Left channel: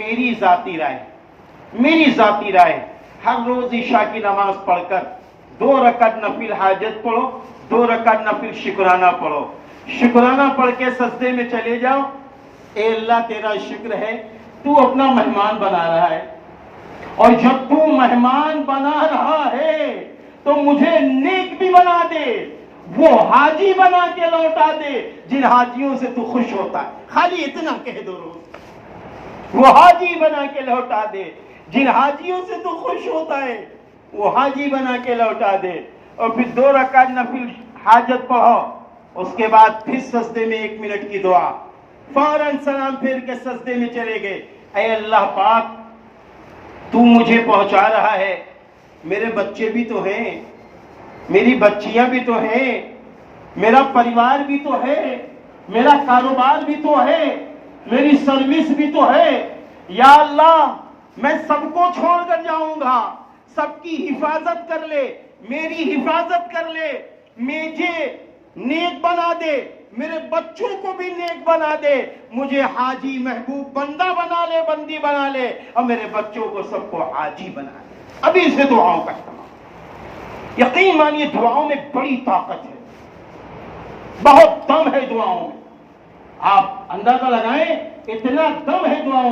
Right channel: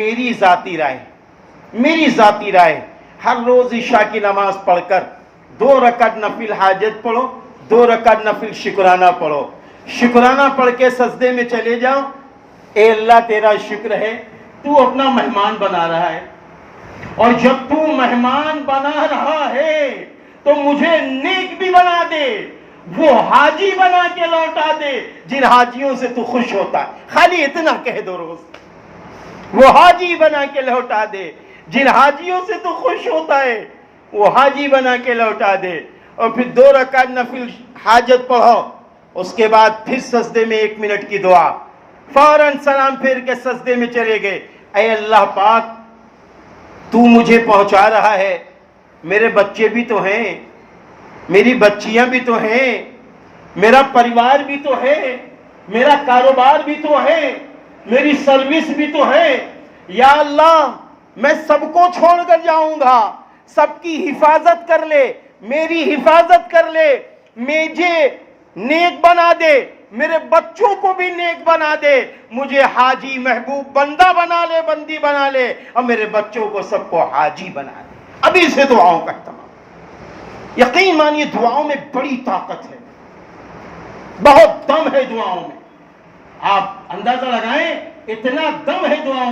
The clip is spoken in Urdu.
میری ذاتی رائے ہر روز عشاء کی نماز پڑھ کر 2 رکعت نفل حاجت پڑھو، 2 رکعت نفل شکرانہ پڑھو، شکرانہ پڑھ کے سجدے میں چلے جاؤ، اے اللہ تیرا شکر ہے تو اپنا مہمان بنا رہا ہے، اور جب تو مہمان بنا رہا ہے تو مجھے نیک بھی بنا دے، وہ حاجی بنا کے لوٹا دے جن حاجیوں سے تو خوش ہوتا ہے۔ خالی اتنا کہہ دو روز، وہ حاجی بنا کے لوٹا دے جن حاجیوں سے تو خوش ہوتا ہے، وہ حاجی بنا کے لوٹا دے۔ اور پھر 2 رکعت نفل حاجت پڑھو، اس کے بعد پھر سجدے میں 1 منٹ کی دعا، فوراً سلام پھیر کے سجدے میں چلے گئے۔ اے اللہ پاک تو مجھے پہنچا رہا ہے، میرے بچے بھی تو ہیں، میری بچیاں بھی تو ہیں، میرا پریوار بھی تو ہے، میرا کاروبار بھی تو ہے، میری سروس بھی تو ہے، یا اللہ میں سب کو چھوڑ کر جاؤں گا، سب کی حفاظت کر لے، میری حفاظت کر لے، مجھے نیک بنا دے، میرے بچوں کو بھی نیک بنا دے، مجھے حاجی محبوب بندہ بنا لے، بندی بنا لے، اور میرے بچوں کو سب کو حاجی بنا دے۔ ابھی سے دعاؤں کا اہتمام، یقین مانیے دعاؤں میں بڑی طاقت ہے، بہت دم ہے دعاؤں میں، آپ اندازہ لگائیں اتنا دم ہے دعاؤں میں۔